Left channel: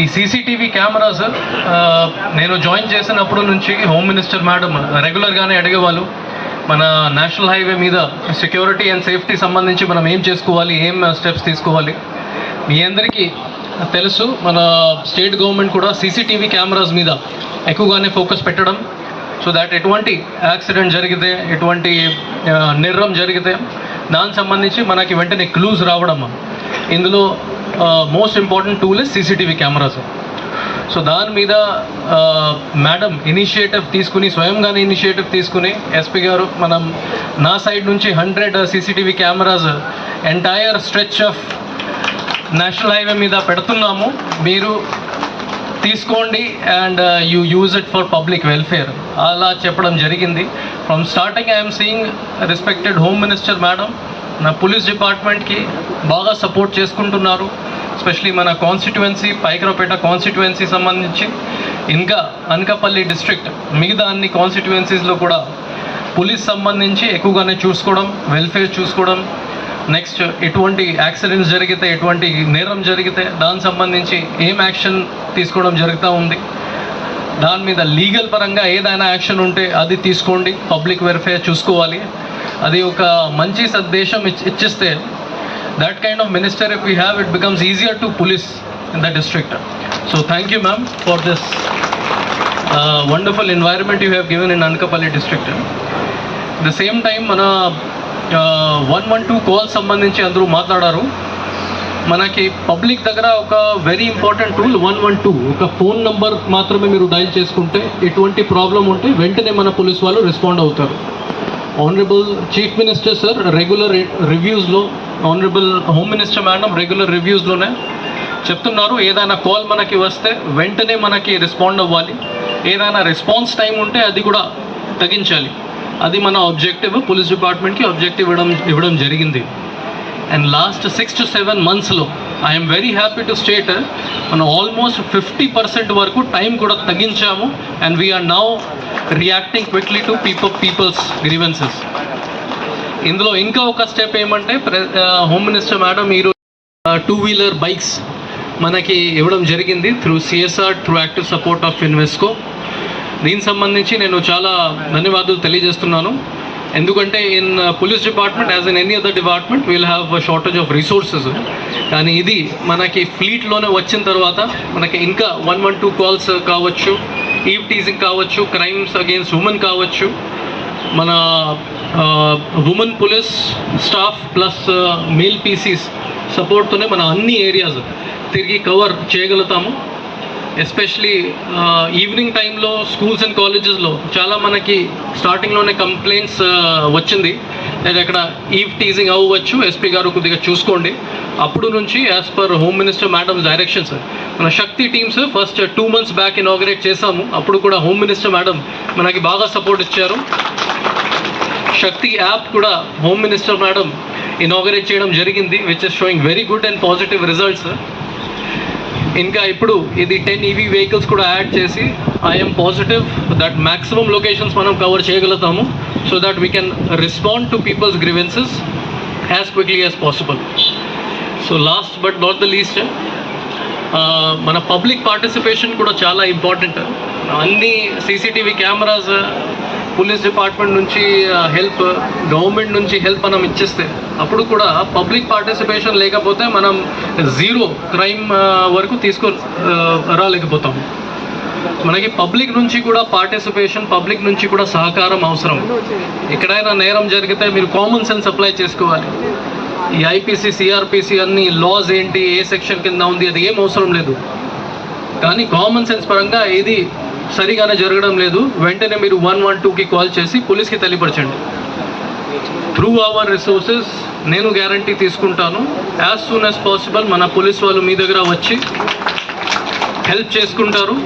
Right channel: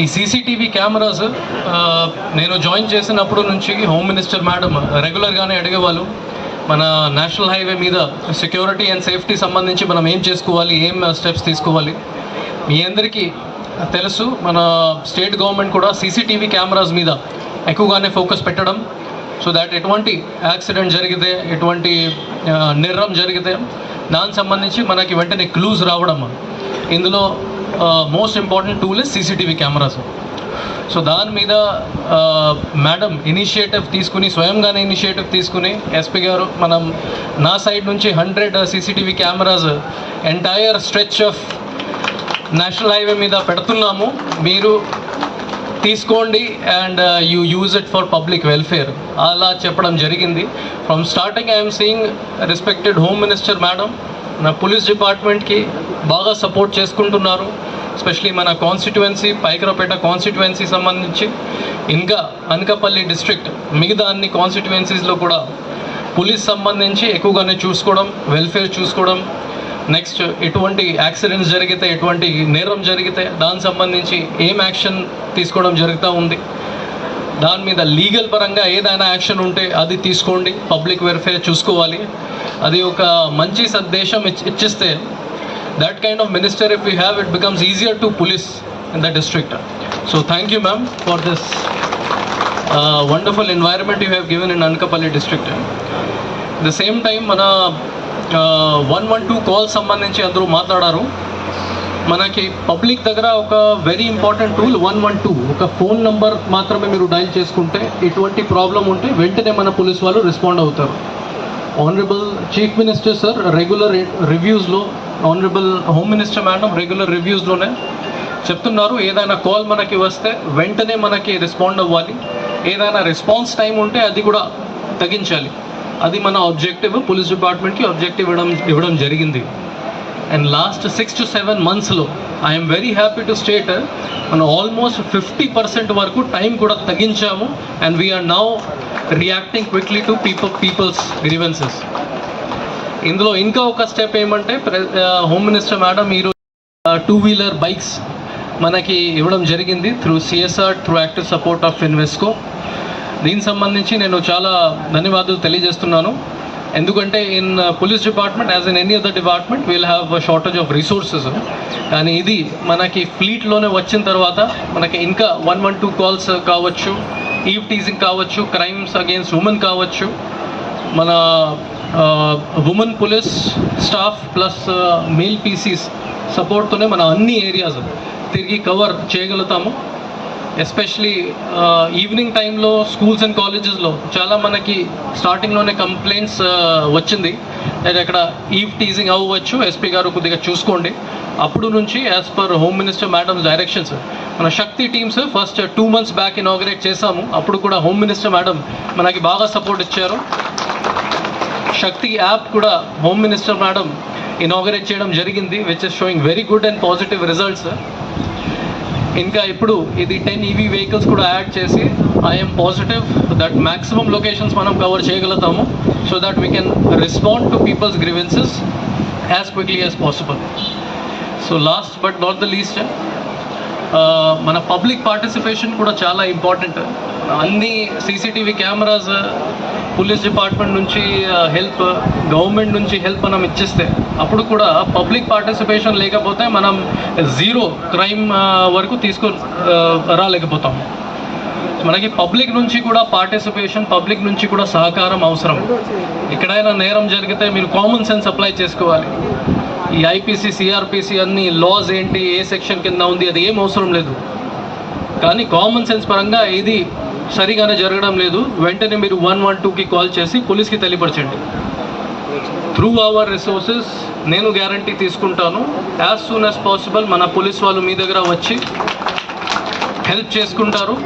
ఈ CCTV cameras నేను join చేసినప్పుడు నుంచి హోమ్ మినిస్టర్ మేడం రెగ్యులర్గానే అడిగేవాళ్ళు మన నేషనల్ హైవే మీద సెక్యూరిటీ అండ్ సేఫ్టీ సంబంధించి మనం ఏం చేసుకోవాలి ఏం స్టెప్స్ తీసుకోవాలి మీ అందరికీ తెలుసు మన స్టేట్ గవర్నమెంట్ కూడా సీసీటీవీ కెమెరాస్ మీద ఎక్కువగానే ఫోకస్ పెట్టడం సో దాట్ ఎటువంటి యాక్సిడెంట్ జరిగితే ఎటువంటి నిర్రం జరిగితే దానికి సంబంధించి మనకి వెంటనే క్లూస్ రావడం ఇందులో most important tool is CCTV cameras so దాని మీద మేడం ఇనిషియేటివ్ తీసుకుని స్వయంగానే ఇనిషియేటివ్ తీసుకుని ఎస్పీ గారు మనం నా సైడ్ నుంచి hundred CCTV cameras entire stretch of national highway మీద పెడుతున్నాము. మీరు తీసుకోండి and you use it for public welfare అలా చెప్పడం జరిగింది. From starting I'm seeing respected home minister madam నా పోలీస్ డిపార్ట్మెంట్కి బాగా సపోర్ట్ చేసుకుంటున్నారు ఎస్పెషలీ మన కాన్స్టిట్యువెన్సీ పైకరపేట కాన్స్టిట్యువెన్సీ సంబంధించి. ఇంకా అనకాపల్లి డిస్ట్రిక్ట్ మిగతా అన్ని కాన్స్టిట్యువెన్సీస్లో కూడా పోలీస్ సంబంధించి ఎక్కువగానే చూసుకోవడం వెల్ఫేర్ చూసుకోవడం నెక్స్ట్ ఎటువంటి యాక్సిడెంట్స్ జరిగితే ఎటువంటి నేరం జరిగితే దానికి సంబంధించి ఏం యాక్షన్ తీసుకోవడం జరుగుతూ ఉంది. దాని మీద లీగల్ పరంగా ఏదైనా యాక్షన్ ఉంటే అది తీసుకోండి పబ్లిక్ వెల్ఫేర్ చూసుకోవాలి. అది ఒక మంచి సందేశం that kind of minister if you have it becomes easier to police in the district so thank you ma'am for this wonderful environment you have given in Anakapalli district the same time మన one one two call సంబంధించి అందరూ మాట్లాడారు మనకి public దగ్గర ఒక very important tool one one two ఒక phone number మాత్రమే మీరు డైల్ చేసుకుంటే ఎటువంటి ప్రాబ్లం ఉంటే వెంటనే మన పోలీస్ వాళ్ళు రెస్పాండ్ అవుతారు honourable chief minister sir regular రివ్యూస్లో honourable home minister madam regular రివ్యూస్లోనే చెప్తున్నారు. ఏదైనా కాల్ మనకి వస్తే వెంటనే మనకి రెస్పాండ్ అవ్వాలి. ఏదైనా రెస్పాన్స్ టైం ఉంటే అది కూడా తగ్గించాలి. అది మన ఆబ్జెక్టివ్ పోలీస్ డిపార్ట్మెంట్కి ఆబ్జెక్టివ్ ఇవ్వడం ఇవ్వడం జరిగింది. And last six to seven మంత్స్లో I'm very happy to state మనం ఆల్మోస్ట్ ఫిఫ్టీ పర్సెంట్ వరకు టైం కూడా తగ్గించాము. And we are now reacting quickly to people people's grievances ఇందులో ఇంకా ఒక స్టెప్ ఏమంటే హోమ్ మినిస్టర్ మేడం మీరు టూ వీలర్ బైక్స్ మనకి ఇవ్వడం జరిగింది through CSR through active support of Invesco దీనికి సంబంధించి నేను చాలా ధన్యవాదాలు తెలియజేస్తున్నాను. ఎందుకంటే in police department as in any other department will have shortage of resources కానీ ఇది మనకి ఫ్లీట్లోనే వచ్చిన తర్వాత మనకి ఇంకా వన్ వన్ టూ కాల్స్ కావచ్చు ఈవ్ టీజింగ్ కావచ్చు క్రైమ్స్ అగేన్స్ట్ ఉమెన్ కావచ్చు. మన women police staff plus male PCs సపోర్ట్తోనే మన అన్ని ఏరియాస్ తిరిగి కవర్ చేయగలుగుతాము. ఎస్పెషలీ ఈవినింగ్ టైంలో స్కూల్స్ అండ్ కాలేజెస్లో చాలా మనకి స్టార్టింగ్లోనే కంప్లైంట్స్ వచ్చింది. లేదా అక్కడ ఈవ్ టీజింగ్ అవ్వచ్చు ఎస్పీ గారు కొద్దిగా చూసుకోండి. అప్పుడు నుంచి as per home minister madam directions మన Shakti teams first two months back inaugurate చేశాము. అప్పుడు కూడా హోమ్ మినిస్టర్ మేడం మనకి బాగా సపోర్ట్ ఇచ్చారు. శక్తి యాప్ కూడా హోమ్ మినిస్టర్ మేడం ఇనాగరేట్ చేయడం జరిగింది which is showing very good and positive results ఇంకా ఇప్పుడు ఇది టెన్ ఈవీ వెహికల్స్ కూడా యాడ్ చేసి I'm positive that maximum locations మనం కవర్ చేయగలుగుతాము so that we can respond to people's grievances as quickly as possible so last but not the least మన public participation కూడా చాలా ఇంపార్టెంట్ అన్ని CCTV cameras police department నుంచి help government నుంచి help మనం ఇచ్చేస్తే అప్పుడు కూడా పబ్లిక్ పార్టిసిపేషన్ లేకపోతే మనం జీరో క్రైమ్ వరకు తీసుకు రాలేకపోతాం. మనకి పబ్లిక్ నుంచి కూడా పార్టిసిపేషన్ పబ్లిక్ నుంచి కూడా సహకారం అవసరం. ఎక్కడైనా నేరం జరిగితే మీరు కామన్ సెన్స్ అప్లై చేసుకోవాలి. ఈ ఐపీసీ సిఆర్పిసి అన్ని లాస్ ఏంటి ఏ సెక్షన్ కింద ఉంది అది ఏం అవసరం లేదు. కానీ కామన్ సెన్స్ పరంగా ఇది సరిగానే జరగడం లేదు. వెంటనే మీరు వన్ వన్ టూకి కాల్ చేసి పోలీస్కి తెలియపరచండి త్రూ అవర్ రిసోర్సెస్ నేను గ్యారంటీ తీసుకుంటాను. యాజ్ సూన్ యాజ్ పాసిబుల్ మన పోలీస్ వాళ్ళు మీ దగ్గర వచ్చి హెల్ప్ చేసుకుంటారు.